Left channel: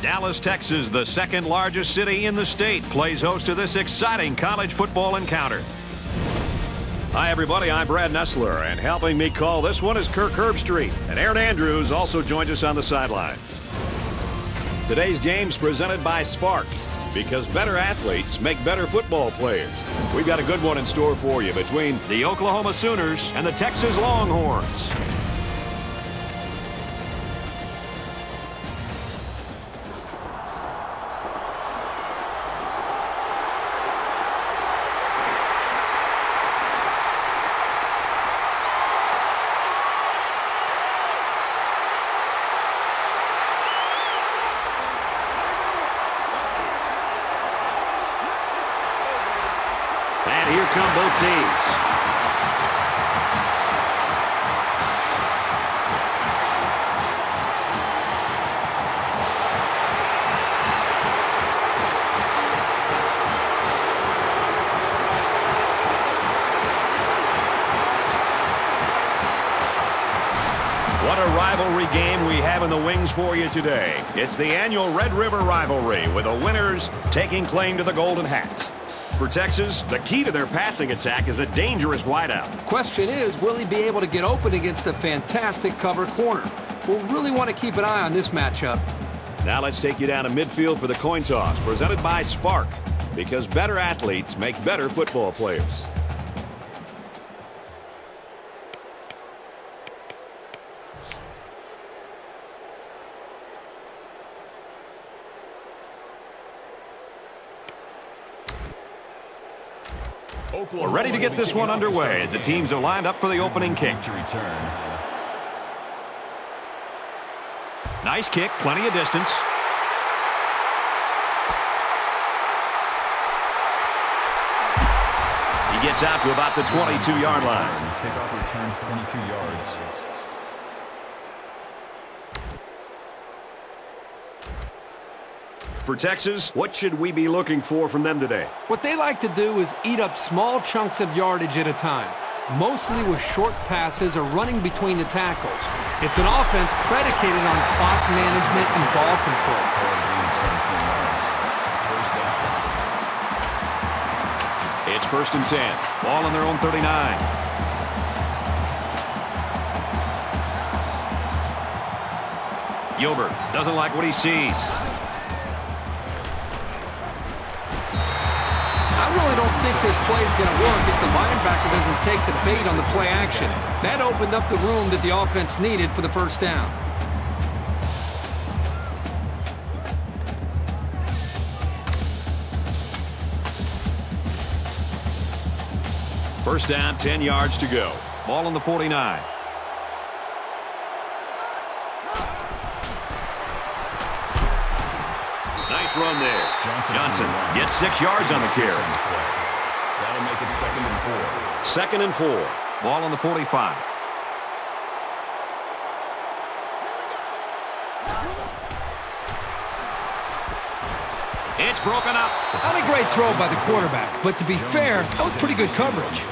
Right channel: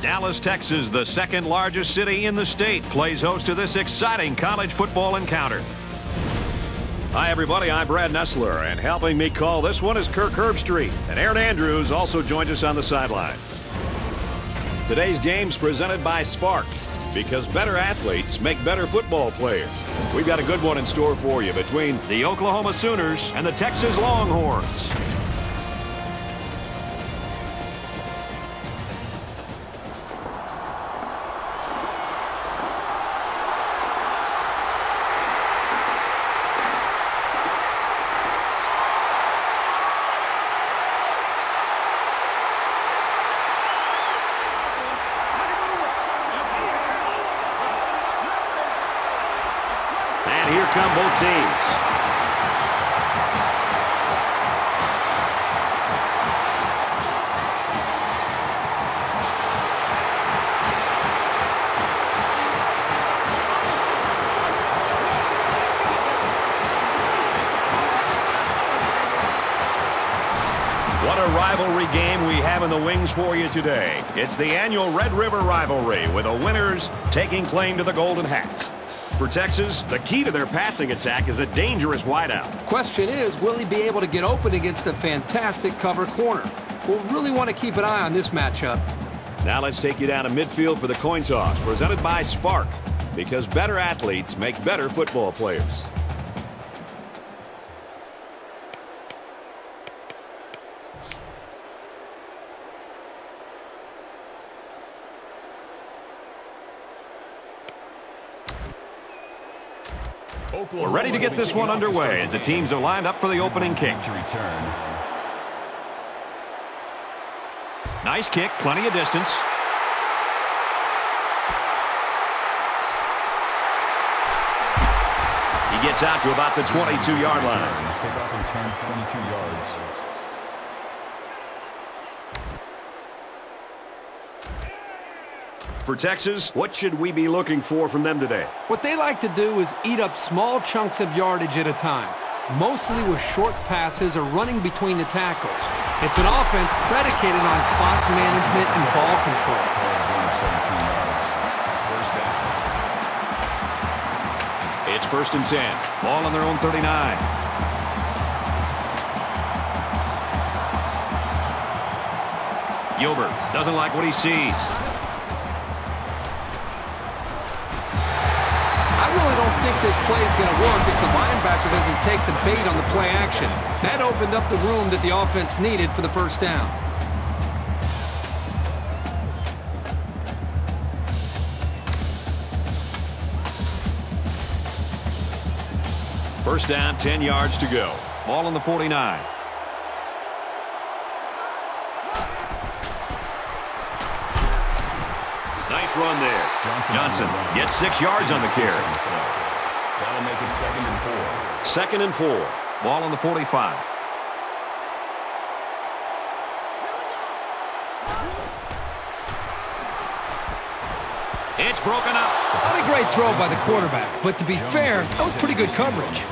Dallas, Texas, the second largest city in the state, plays host to this exciting college football encounter. Hi, everybody. I'm Brad Nessler, and helping me call this one is Kirk Herbstreit. And Aaron Andrews also joined us on the sidelines. Today's game's presented by Spark, because better athletes make better football players. We've got a good one in store for you between the Oklahoma Sooners and the Texas Longhorns. And here come both teams. What a rivalry game we have in the wings for you today. It's the annual Red River Rivalry, with the winners taking claim to the Golden Hats. For Texas, the key to their passing attack is a dangerous wideout. Question is, will he be able to get open against a fantastic cover corner? We'll really want to keep an eye on this matchup. Now let's take you down to midfield for the coin toss, presented by Spark, because better athletes make better football players. We're ready to get this one underway as the teams are lined up for the opening kick. Nice kick, plenty of distance. He gets out to about the 22-yard line. For Texas, what should we be looking for from them today? What they like to do is eat up small chunks of yardage at a time, mostly with short passes or running between the tackles. It's an offense predicated on clock management and ball control. It's 1st and 10. Ball on their own 39. Gilbert doesn't like what he sees. I really don't think this play is going to work if the linebacker doesn't take the bait on the play action. That opened up the room that the offense needed for the first down. First down, 10 yards to go. Ball on the 49. Nice run there. Johnson gets 6 yards on the carry. 2nd and 4. Ball on the 45. It's broken up. Not a great throw by the quarterback, but to be fair, that was pretty good coverage.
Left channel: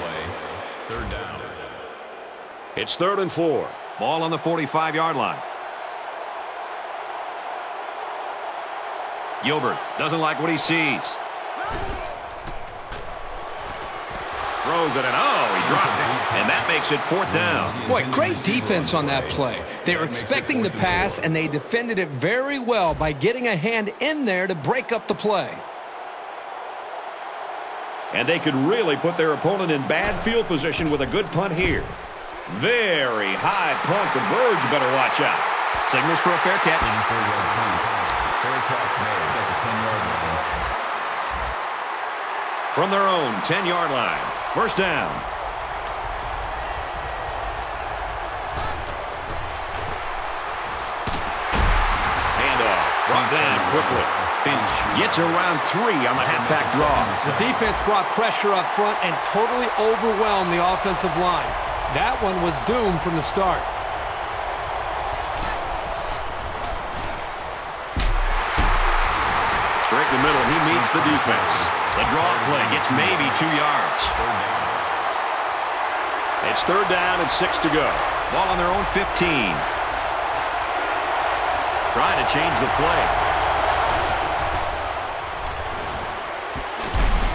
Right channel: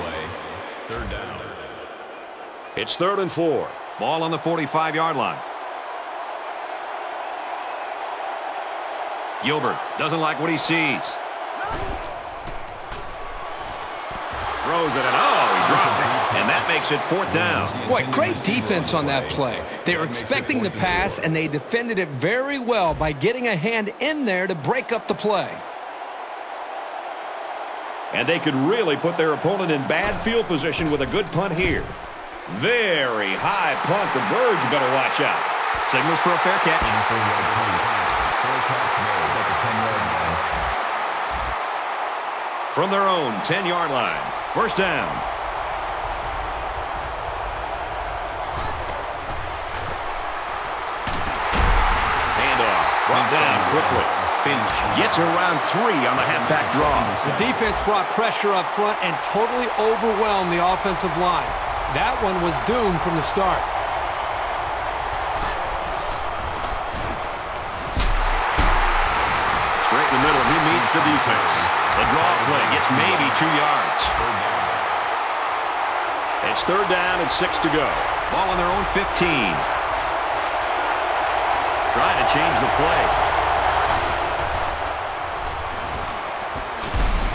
It's 3rd and 4. Ball on the 45-yard line. Gilbert doesn't like what he sees. Throws it, and oh, he dropped it. And that makes it 4th down. Boy, great defense on that play. They were expecting the pass, and they defended it very well by getting a hand in there to break up the play. And they could really put their opponent in bad field position with a good punt here. Very high punt. The Birds better watch out. Signals for a fair catch. From their own 10-yard line. First down. Handoff. Brought down quickly. Finch gets around 3 on the halfback draw. The defense brought pressure up front and totally overwhelmed the offensive line. That one was doomed from the start. Straight in the middle, and he meets the defense. The draw play gets maybe 2 yards. It's 3rd down and 6 to go. Ball on their own 15. Trying to change the play.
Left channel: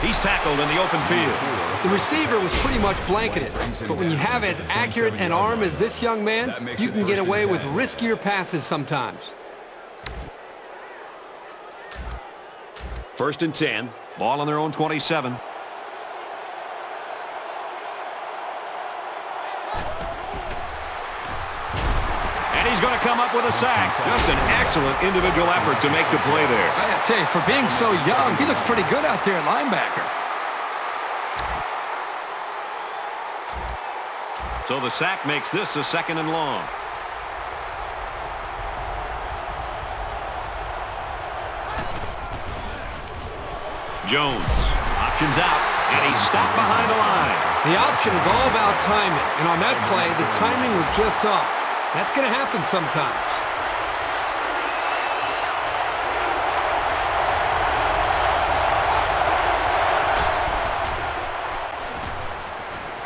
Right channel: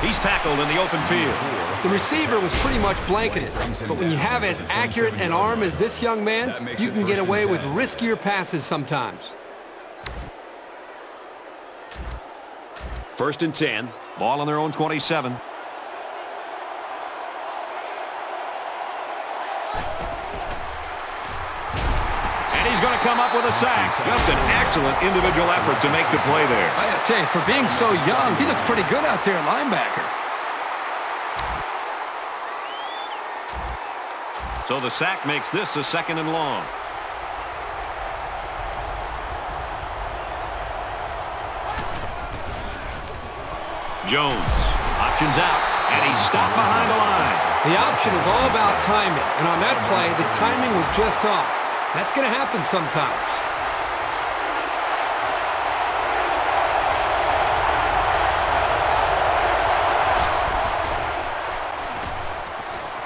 He's tackled in the open field. The receiver was pretty much blanketed, but when you have as accurate an arm as this young man, you can get away with riskier passes sometimes. 1st and 10. Ball on their own 27. And he's going to come up with a sack. Just an excellent individual effort to make the play there. I tell you, for being so young, he looks pretty good out there at linebacker. So the sack makes this a 2nd and long. Jones options out, and he's stopped behind the line. The option is all about timing, and on that play, the timing was just off. That's going to happen sometimes.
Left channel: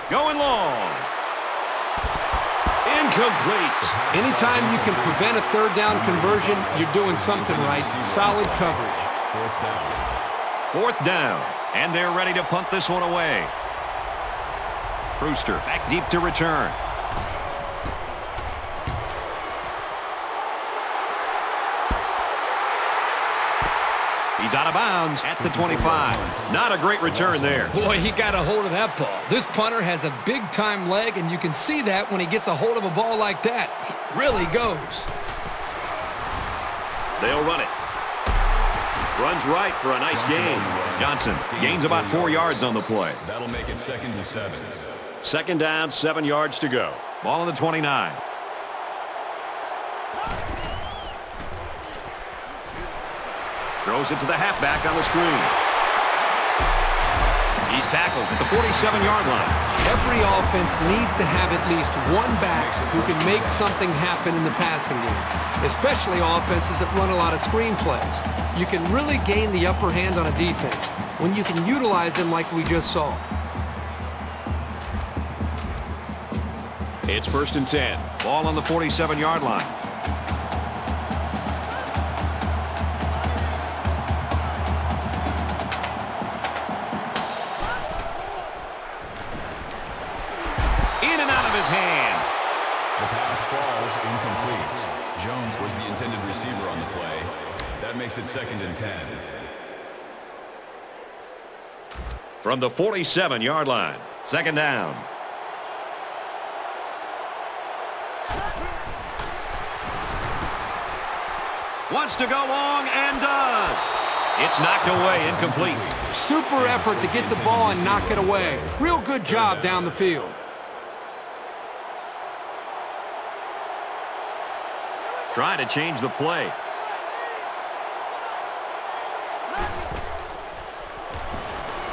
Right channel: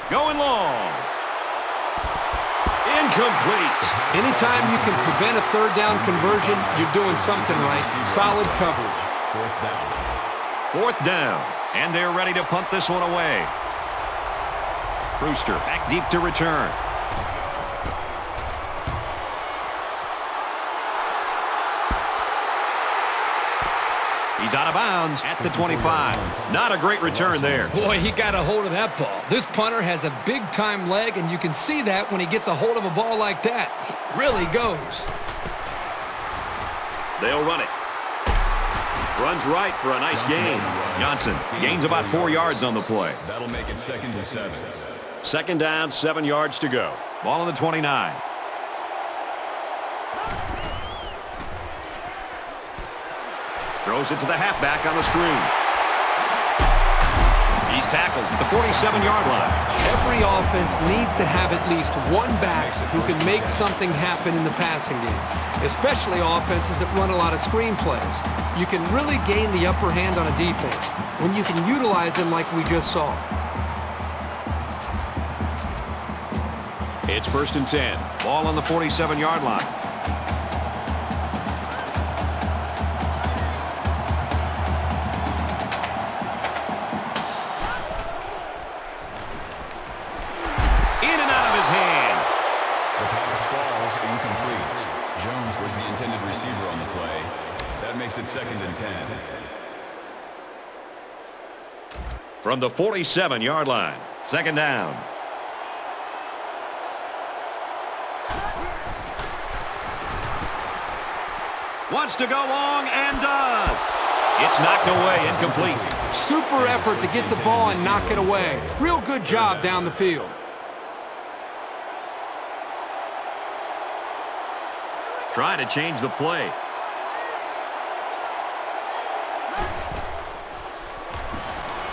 Going long. Incomplete. Anytime you can prevent a 3rd down conversion, you're doing something right. Solid coverage. 4th down, and they're ready to punt this one away. Brewster back deep to return. He's out of bounds at the 25. Not a great return there. Boy, he got a hold of that ball. This punter has a big-time leg, and you can see that when he gets a hold of a ball like that. He really goes. They'll run it. Runs right for a nice gain. Johnson gains about 4 yards on the play. 2nd down, 7 yards to go. Ball on the 29. Throws it to the halfback on the screen. He's tackled at the 47-yard line. Every offense needs to have at least one back who can make something happen in the passing game, especially offenses that run a lot of screen plays. You can really gain the upper hand on a defense when you can utilize them like we just saw. It's 1st and 10. Ball on the 47-yard line. In and out of his hand. From the 47-yard line. 2nd down. Wants to go long and does. It's knocked away, incomplete. Super effort to get the ball and knock it away. Real good job down the field. Trying to change the play.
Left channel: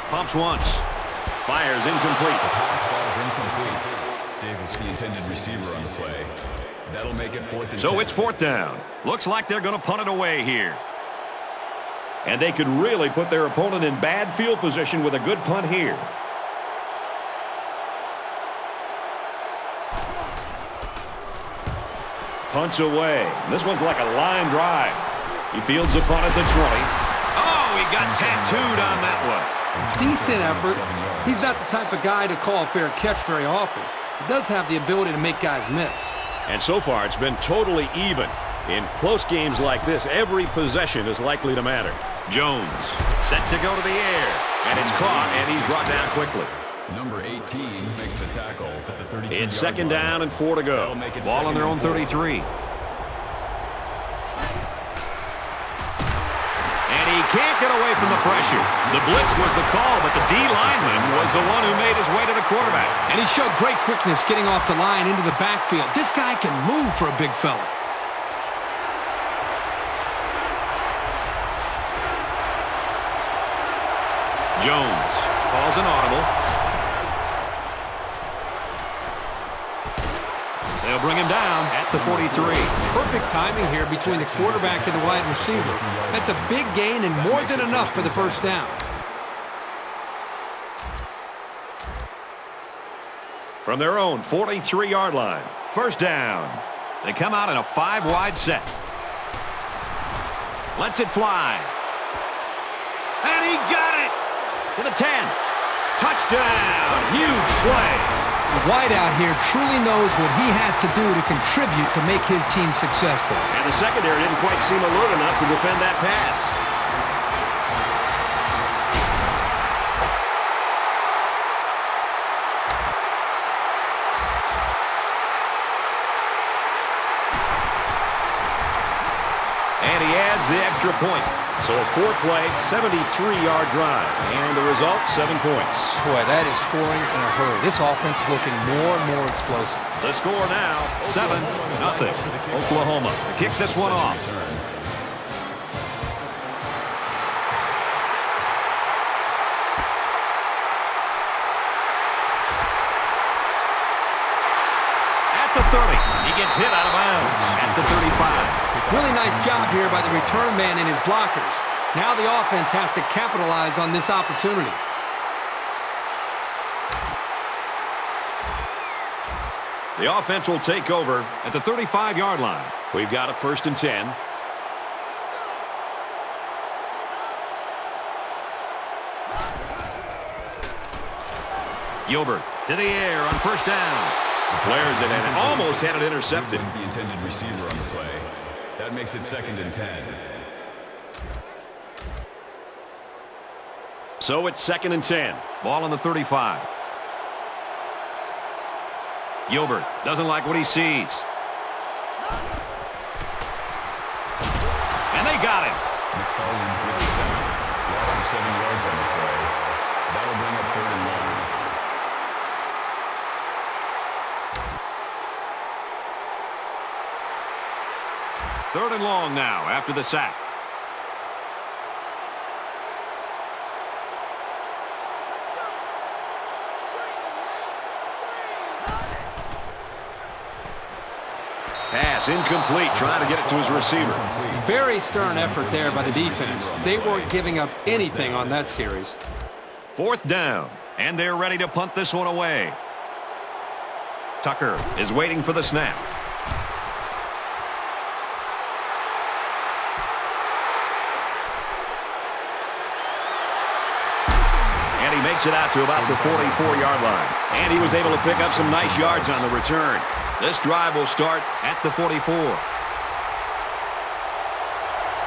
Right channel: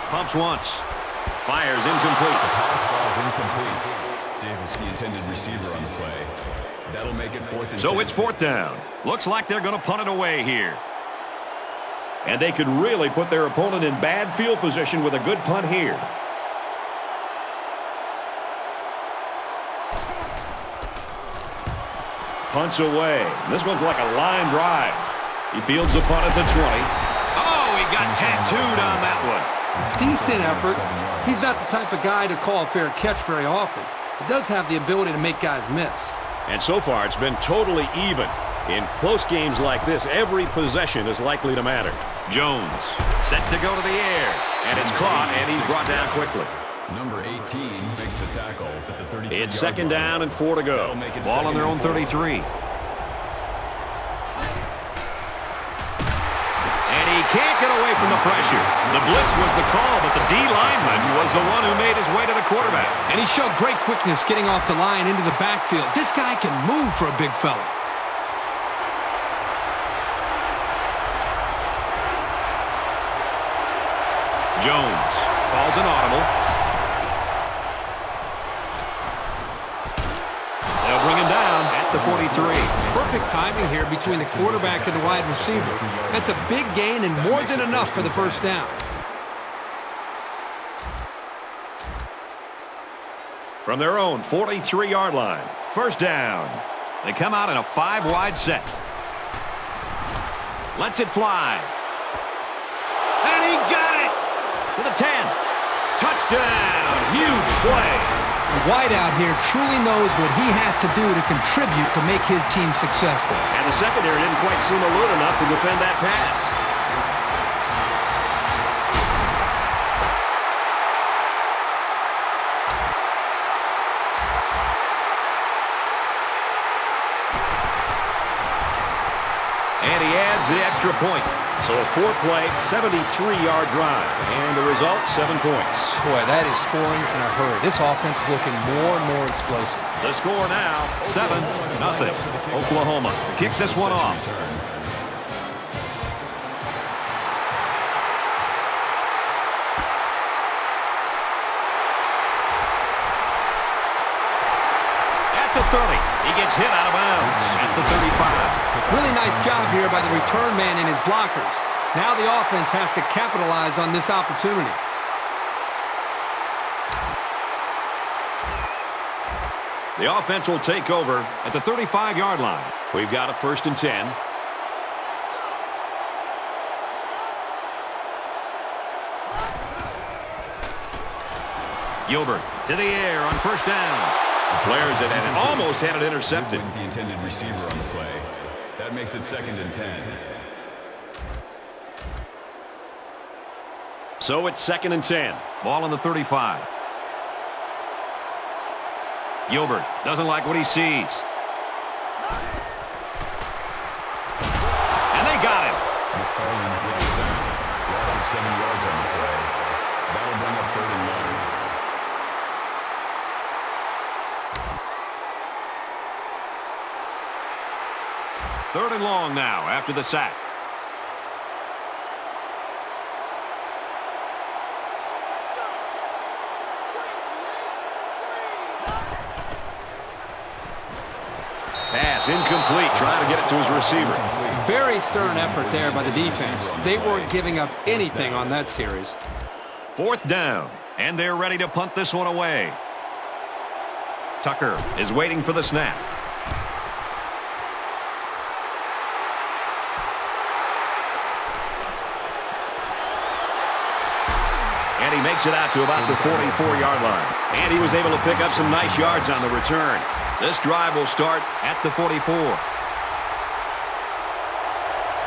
Pumps once. Fires incomplete. So it's 4th down. Looks like they're going to punt it away here. And they could really put their opponent in bad field position with a good punt here. Punts away. This one's like a line drive. He fields the punt at the 20. Oh, he got tattooed on that one. Decent effort. He's not the type of guy to call a fair catch very often. He does have the ability to make guys miss. And so far, it's been totally even. In close games like this, every possession is likely to matter. Jones set to go to the air. And it's caught, and he's brought down quickly. It's 2nd down and 4 to go. Ball on their own 33. And he can't get away from the pressure. The blitz was the call, but the D lineman was the one who made his way to the quarterback. And he showed great quickness getting off the line into the backfield. This guy can move for a big fella. Jones calls an audible. They'll bring him down at the 43. Perfect timing here between the quarterback and the wide receiver. That's a big gain and more than enough for the 1st down. From their own 43-yard line. 1st down. They come out in a 5-wide set. Lets it fly. And he got it! to the 10. Touchdown! Huge play. The wideout here truly knows what he has to do to contribute to make his team successful. And the secondary didn't quite seem alert enough to defend that pass. And he adds the extra point. So a 4-play, 73-yard drive. And the result, 7 points. Boy, that is scoring in a hurry. This offense is looking more and more explosive. The score now, 7-0. Oklahoma to kick this one off. At the 30, he gets hit out of bounds. At the 35. Really nice job here by the return man and his blockers. Now the offense has to capitalize on this opportunity. The offense will take over at the 35-yard line. We've got a 1st and 10. Gilbert to the air on 1st down. Players that had almost had it intercepted. So it's 2nd and 10. Ball on the 35. Gilbert doesn't like what he sees. And they got him. Third and long now after the sack. Pass incomplete, trying to get it to his receiver. Very stern effort there by the defense. They weren't giving up anything on that series. 4th down, and they're ready to punt this one away. Tucker is waiting for the snap. And he makes it out to about the 44-yard line. And he was able to pick up some nice yards on the return. This drive will start at the 44.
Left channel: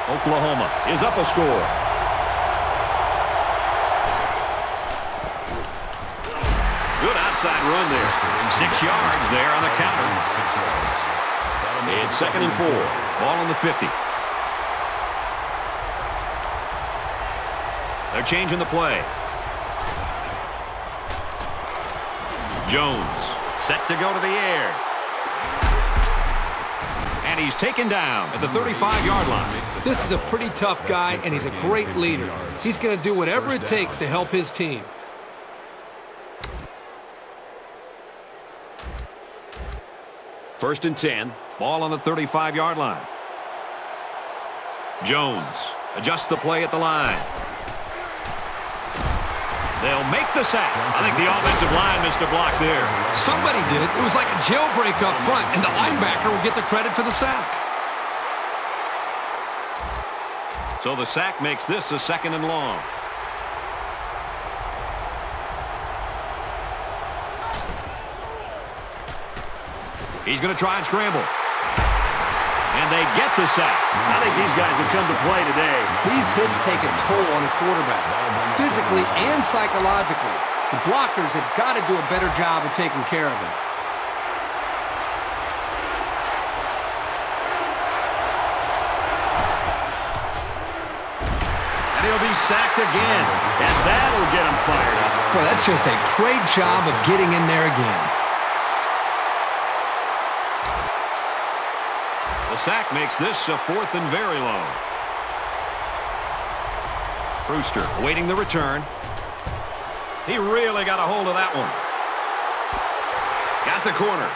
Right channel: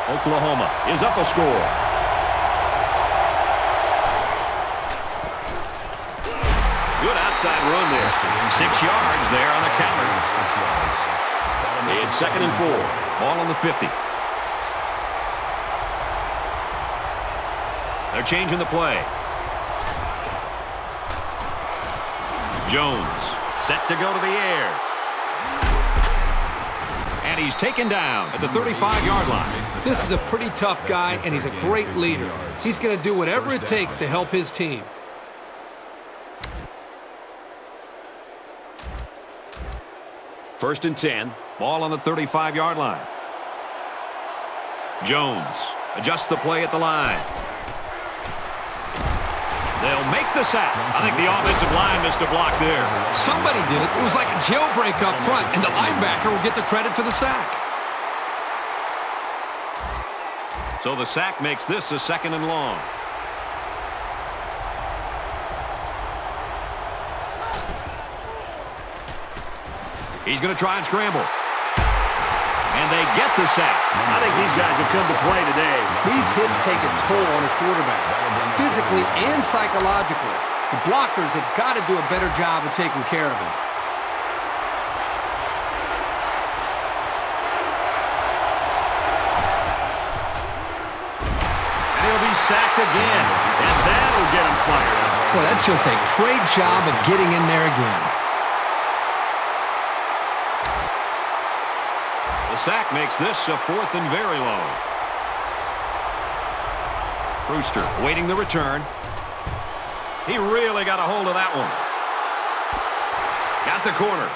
Oklahoma is up a score. Good outside run there. 6 yards there on the counter. It's 2nd and 4. Ball on the 50. They're changing the play. Jones set to go to the air. And he's taken down at the 35-yard line. This is a pretty tough guy, and he's a great leader. He's going to do whatever it takes to help his team. First and 10. Ball on the 35-yard line. Jones adjusts the play at the line. They'll make the sack. I think the offensive line missed a block there. Somebody did. It was like a jailbreak up front, and the linebacker will get the credit for the sack. So the sack makes this a 2nd and long. He's going to try and scramble. And they get the sack. I think these guys have come to play today. These hits take a toll on a quarterback, physically and psychologically. The blockers have got to do a better job of taking care of him. And he'll be sacked again. And that'll get him fired up. Boy, that's just a great job of getting in there again. The sack makes this a 4th and very long. Brewster awaiting the return. He really got a hold of that one. Got the corner.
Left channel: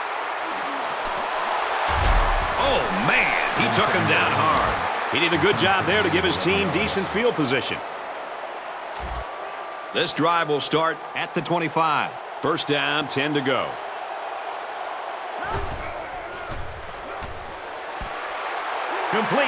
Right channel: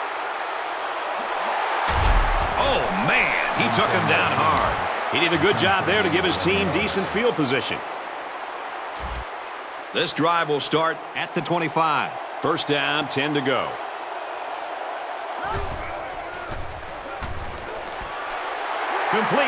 Oh, man, he took him down hard. He did a good job there to give his team decent field position. This drive will start at the 25. First down, 10 to go. Complete.